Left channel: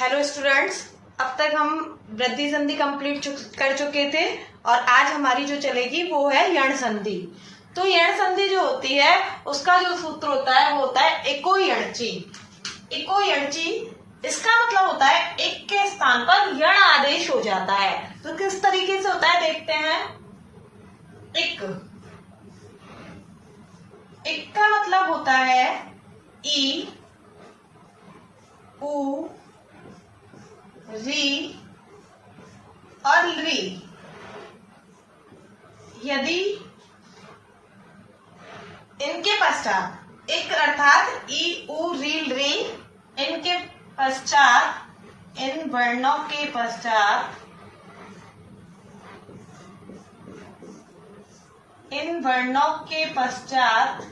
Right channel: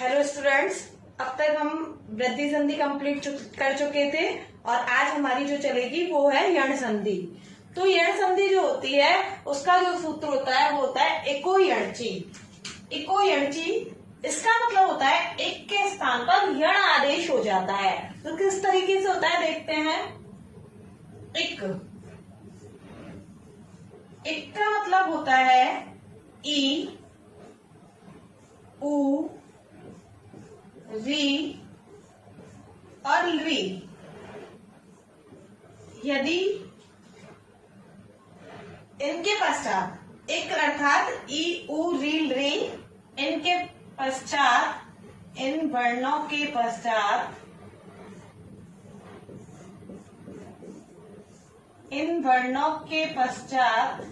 Hello students, अब तक हम वृद्धि संधि कंप्लीट कर चुके थे और आज हमारी जो चलेगी वो है यण संधि। तो यण संधि जो होती है उसका जो सूत्र होता है वो होता है इको यणची। इको यणची इसका मतलब होता है एक के स्थान पर यण आदेश हो जाता है। तो किस तरीके से होता है देखते हैं। इक का मतलब होता है ई उ री और री। यदि इनके पश्चात एक अर्थात ई उ री री इनके पश्चात इन वर्णों के पश्चात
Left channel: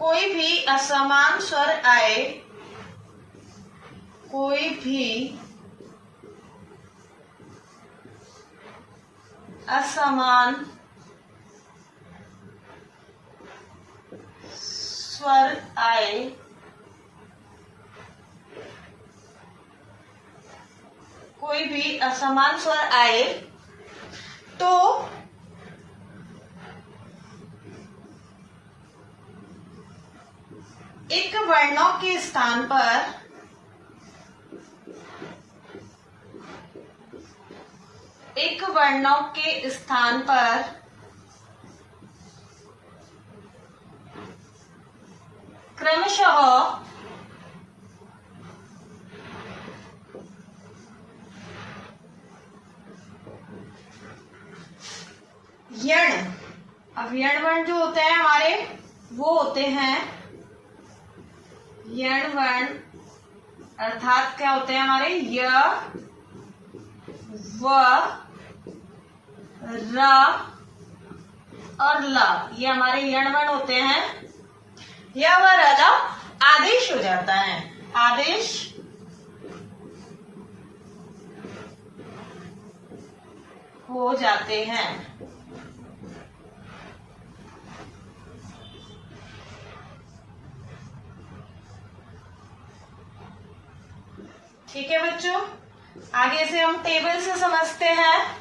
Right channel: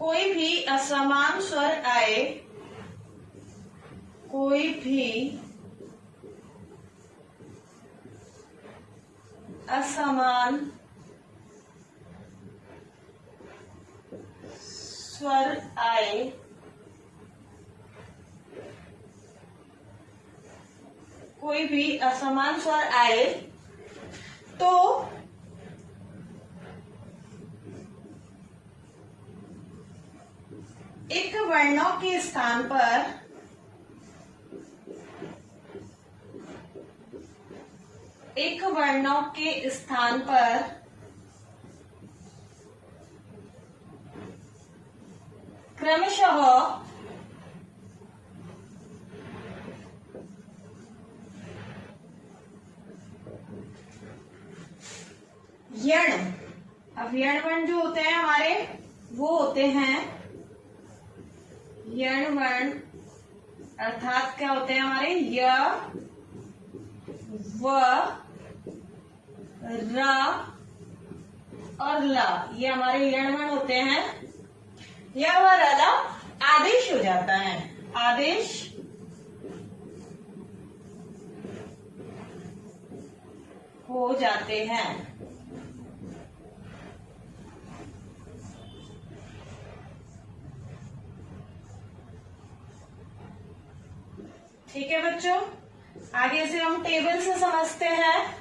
कोई भी असमान स्वर आए, कोई भी असमान स्वर आए कोई भी असमान स्वर आए तो एक वर्णों के स्थान पर क्रमशः यण। अब यण वर्ण जो होते हैं हमारे वो होते हैं यण वर्ण, अर्थात क्या होते हैं हमारे य व र और ल। ये हमारे यण वर्ण होते हैं। य व र ल आदेश हो जाता है, आदेश हो जाते हैं। ठीक है बच्चों, आगे से हम टेबल से समझते हैं।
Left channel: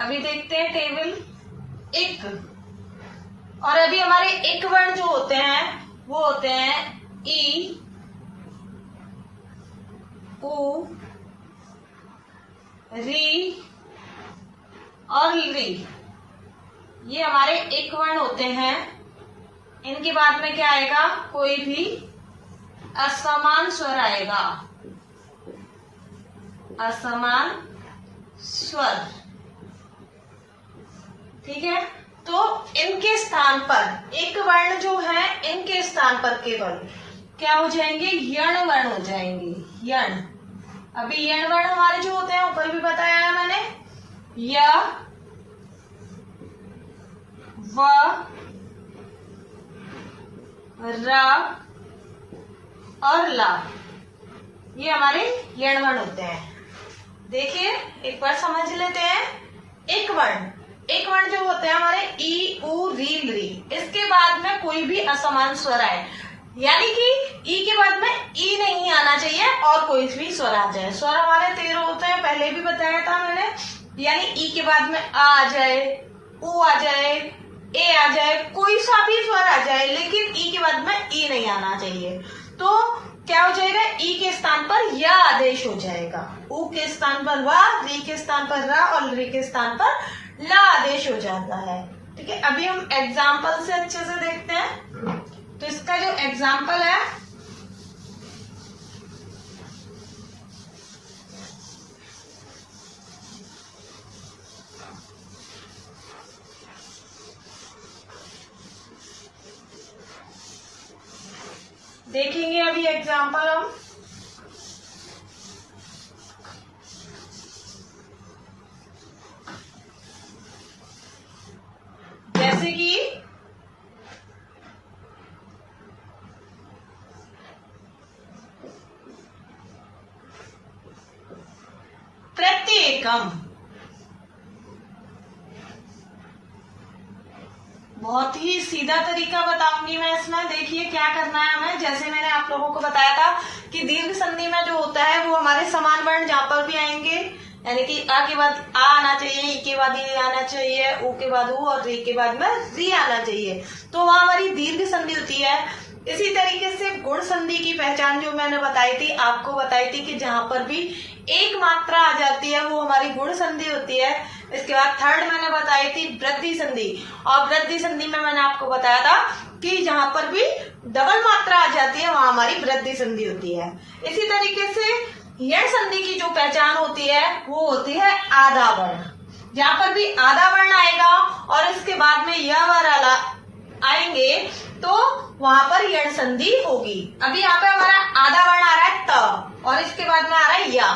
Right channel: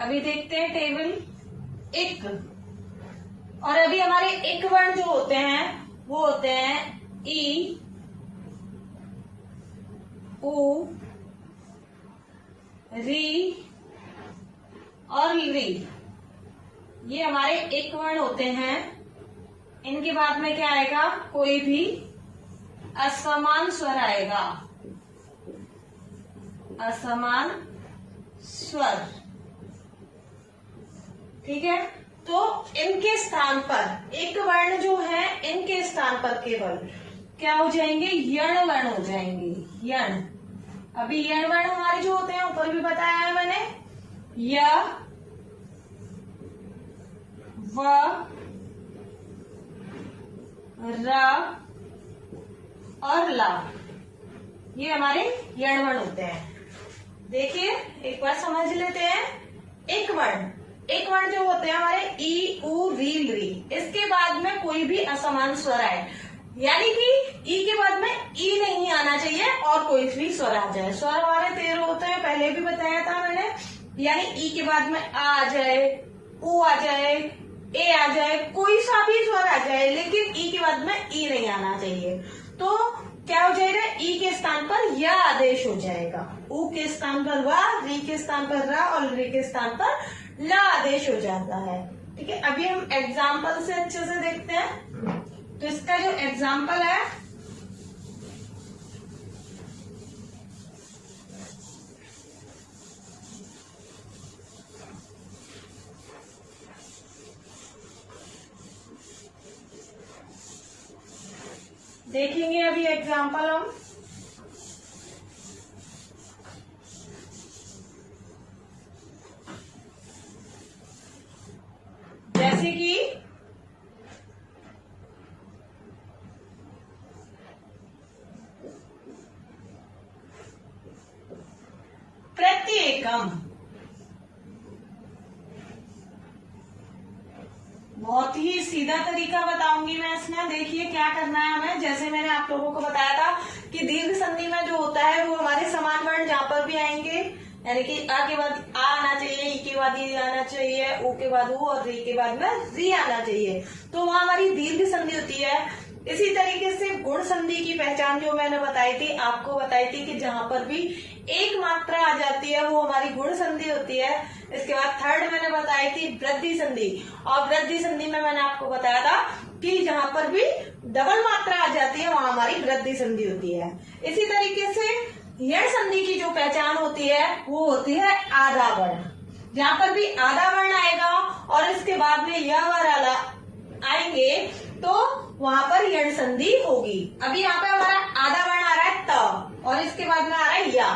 अभी देखते हैं टेबल इक। और अभी हमारे इक वर्ण जो होते हैं वो होते हैं ई उ री और री। ये हमारे इक वर्ण होते हैं। इनके बाद में क्या आएगा, कोई भी असमान स्वर आएगा, असमान स्वर। ठीक है, तो इनके स्थान पर एक वर्ण जो है इनके स्थान पर केवल क्या हो जाएंगे, यण वर्ण हो जाएंगे। यण। अभी यण वर्ण हमारे जो होते हैं ऊपर भी बताया है मैंने, य व र और ला, ये हमारे यण वर्ण होते हैं। देखिए एक बार समझ लेते हैं। एक वर्ण जो होते हैं हमारे ई उ री री, इसके बाद में कोई भी असमान स्वर आए, यानी कि ई के बाद में ई नहीं आना चाहिए और कोई भी स्वर आ जाए। स्वर हमारे 13 होते हैं, पहले भी बताया था मैंने। यानी ई के बाद में आ जाए, उ आ जाए, ए आ जाए, कोई सा भी स्वर आ जाए, लेकिन ई के बाद में ई नहीं आना चाहिए। तो क्या हो जाएगा, ई के स्थान पर या आदेश हो जाएगा, उ के स्थान पर वा, री के स्थान पर रा और री के स्थान पर ला आदेश हो जाता है। ठीक है, अभी हम एग्जाम्पल से अच्छे से देखते हैं। तो इसका जो एग्जाम्पल है, देखेंगे अभी एग्जाम्पल हम। जैसे कि प्रत्येकम, बहुत ही सीधा तरीका बताऊंगी मैं इसमें। देखिए क्या करना है हमें। जैसे मैंने आप लोगों को बताया था कि दीर्घ संधि में जो होता है वो हमारे समान वर्ण जहां पर भी आएंगे, यानी कि आ के बाद आ आना चाहिए, ई के बाद ई आना चाहिए, ऊ के बाद ऊ और री के बाद में री आना चाहिए, तो वहां हमारी दीर्घ संधि होती है। इसी तरीके से गुण संधि की पहचान जो मैंने बताई थी, आपको बताई थी कि जहां पर भी एक मात्रा आ जाती है वो हमारी गुण संधि होती है। इसके बाद थर्ड मैंने बताई थी वृद्धि संधि, और वृद्धि संधि में मैंने आपको बताया था कि जहां पर भी डबल मात्रा आ जाती है वहां हमारी वृद्धि संधि होती है। इसी तरीके से यण संधि की जो पहचान होती है वो होती है आधा वर्ण। जहां पर भी आधा वर्ण आएगा और इसके बाद में यह वाला आएंगे तो वहां पर यण संधि होगी। अभी यहाँ पे हमारा आधा वर्ण आ रहा है त और इसके बाद में आ रहा है या।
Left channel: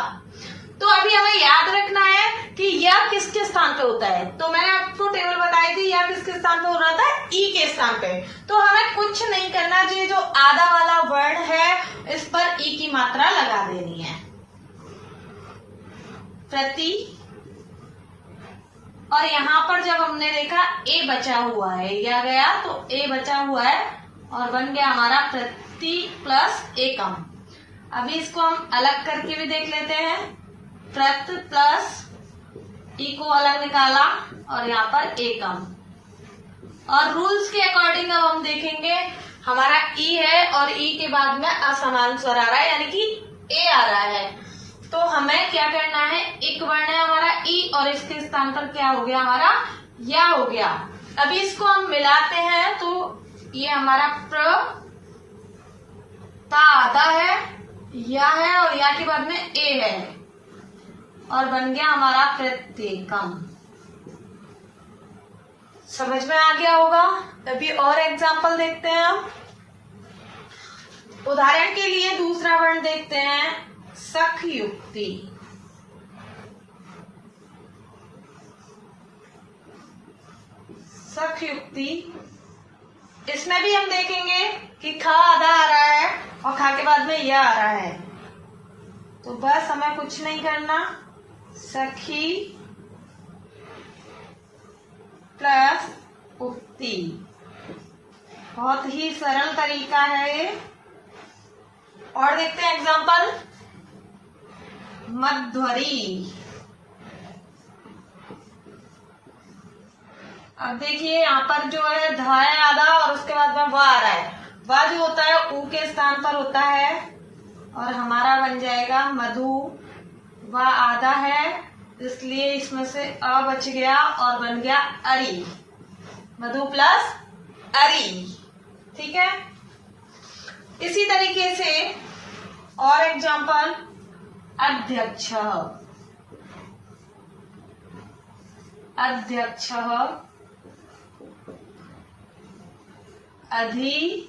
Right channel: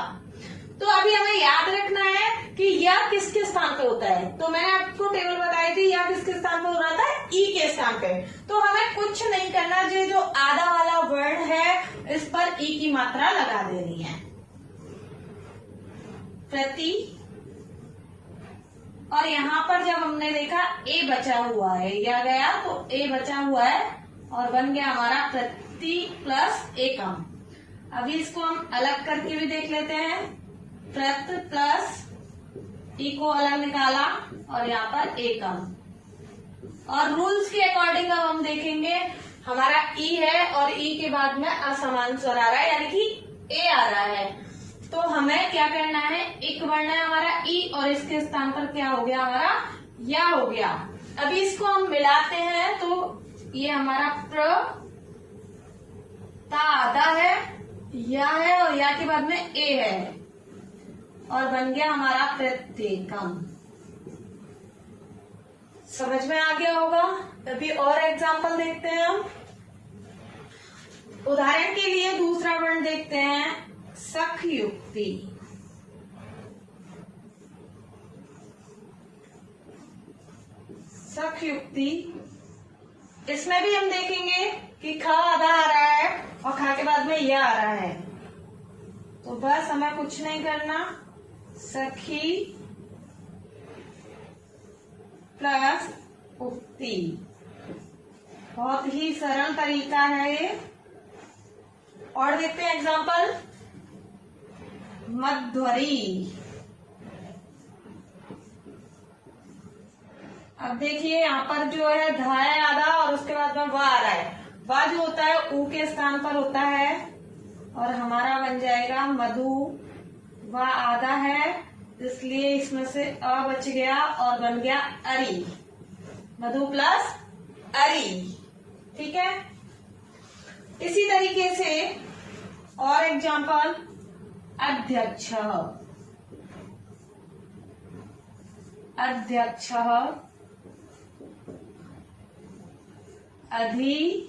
तो अभी हमें याद रखना है कि यह किसके स्थान पे होता है। तो मैंने आपको टेबल बताई थी यह किसके स्थान पे हो रहा था, ई के स्थान पे। तो हमें कुछ नहीं करना, जो आधा वाला वर्ण है इस पर ई की मात्रा लगा देनी है, प्रति। और यहाँ पर जब हमने देखा ए बचा हुआ है, या गया तो ए बचा हुआ है और बन गया हमारा प्रति प्लस एकम। अभी इसको हम अलग करके भी देख लेते हैं। प्रत प्लस ई को अलग निकाला और यहाँ पर एकम। और रूल्स के अकॉर्डिंग अब हम देखेंगे, हमारा ई है और ई के बाद में असमान स्वर आ रहा है, यानी कि ए आ रहा है। तो हमें क्या करना है, एक वर्ण है हमारा ई और इसके स्थान पर क्या हो गया हमारा या हो गया। अभी इसको हम मिलाते हैं तो ये हमारा प्र ता आधा है, या है और या के बाद में ए है और बन गया हमारा प्रत्येकम। समझ में आ गया होगा। अभी और एग्जाम्पल देखते हैं हम। उदाहरण के लिए दूसरा वर्ण देखते हैं, सख युक्ति। सख युक्ति, इसमें भी हम देखेंगे कि ख आधा आ रहा है और खा के बाद में यह आ रहा है। तो बस हमें कुछ नहीं करना, सखी प्लस उक्ति। बहुत ही सरल तरीका है ये। और देखते हैं एग्जाम्पल, मध्वरी। अब देखिए यहाँ पर जो है धा है आधा और उसके बाद में वह आ रहा है। वह जो होता है ऊ के स्थान पर होता है और हमारा बन जाएगा मधु। वह आधा है इसलिए इसमें से अ बच गया और बन गया अरी। मधु प्लस अरी, ठीक है। इसी तरीके से और एग्जाम्पल, अध्यक्ष। अध्यक्ष, अधि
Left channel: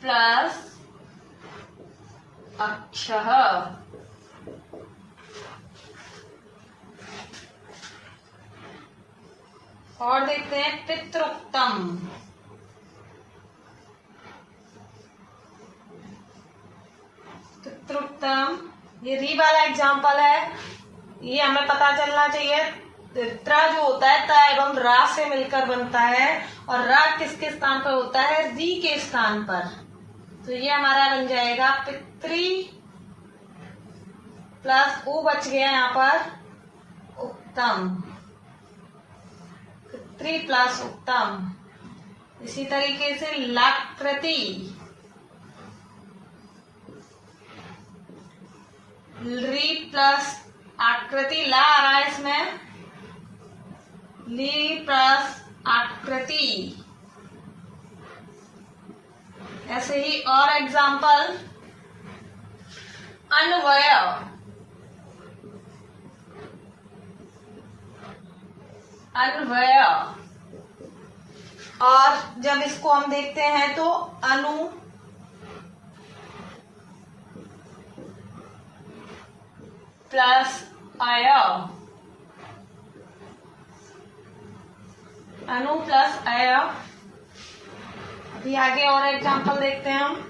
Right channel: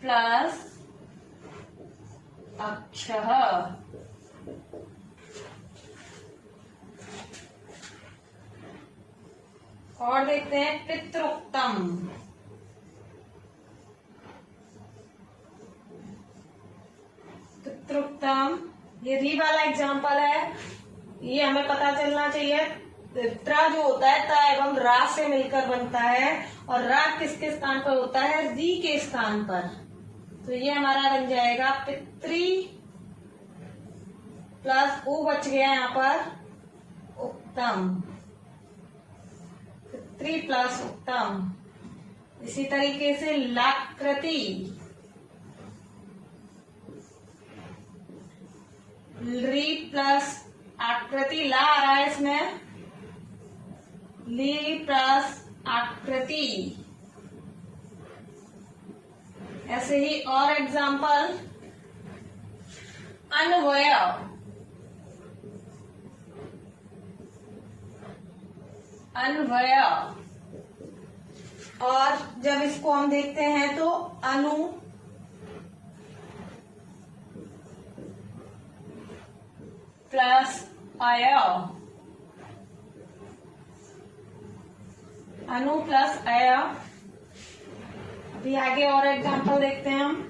प्लस अक्ष। और देखते हैं पितृक्तम। पितृक्तम ये री वाला एग्जाम्पल है। ये हमें पता चलना चाहिए, त्रा जो होता है ता एवं रा से मिलकर बनता है और रा किसके स्थान पर होता है, री के स्थान पर। तो ये हमारा बन जाएगा पितृ प्लस ऊ बच गया यहाँ पर उत्तम। पितृ प्लस उत्तम। इसी तरीके से लाकृति, री प्लस आकृति, ला आ रहा है इसमें, ली प्लस आकृति। ऐसे ही और एग्जाम्पल, अन्वय। अन्वय, और जब इसको हम देखते हैं तो अनु प्लस अय। अनु प्लस अय। अभी आगे और एग्जाम्पल देखते हैं हम।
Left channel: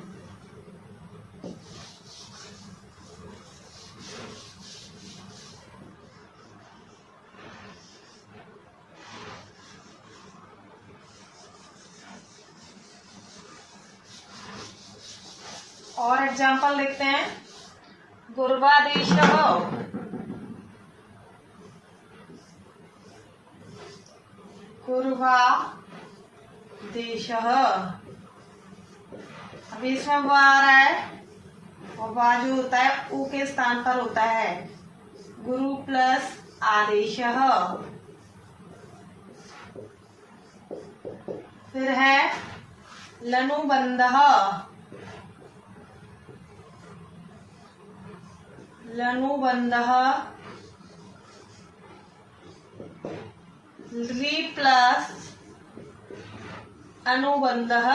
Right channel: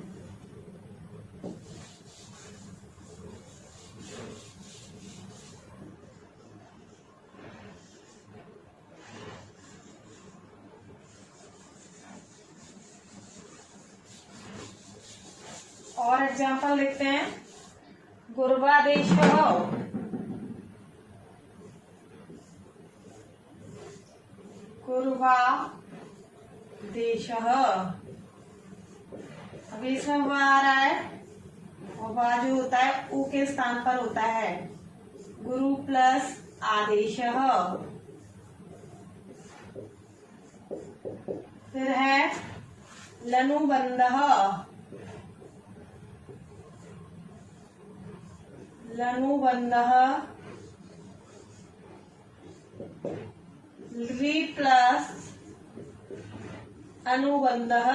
और एग्जाम्पल देखते हैं। गुर्वादेशः, गुर्वादेशः। अभी इसमें वो आ रहा है और वा जो होता है ऊ के स्थान पर होता है, गुरु प्लस आदेशः। फिर है लनुबंधः, लनुबंधः री प्लस अनुबंधः।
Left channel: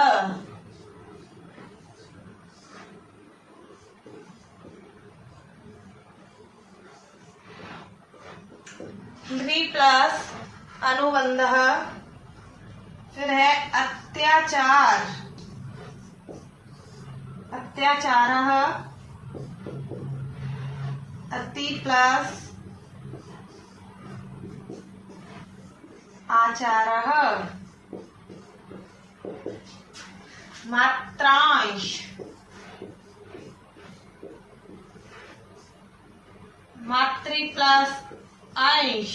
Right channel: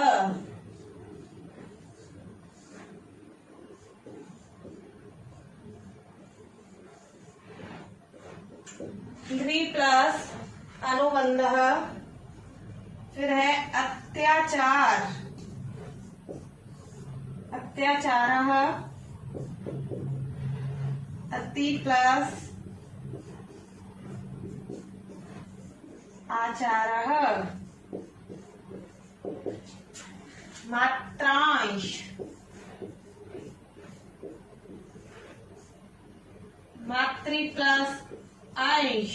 री प्लस अनुबंधः। फिर है अत्याचार, अत्याचारः अति प्लस आचारः। मात्रांश, मातृ प्लस अंश।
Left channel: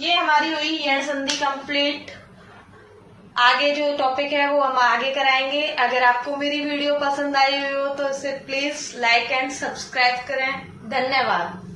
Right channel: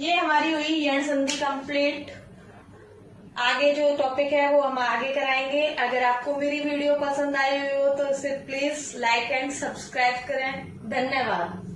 ये हमारी हुई यण संधि कंप्लीट। आगे जो टॉपिक है वो हम आगे कराएंगे। अगर आपको मेरी वीडियो पसंद आई हो तो इसे प्लीज लाइक एंड सब्सक्राइब करें। धन्यवाद।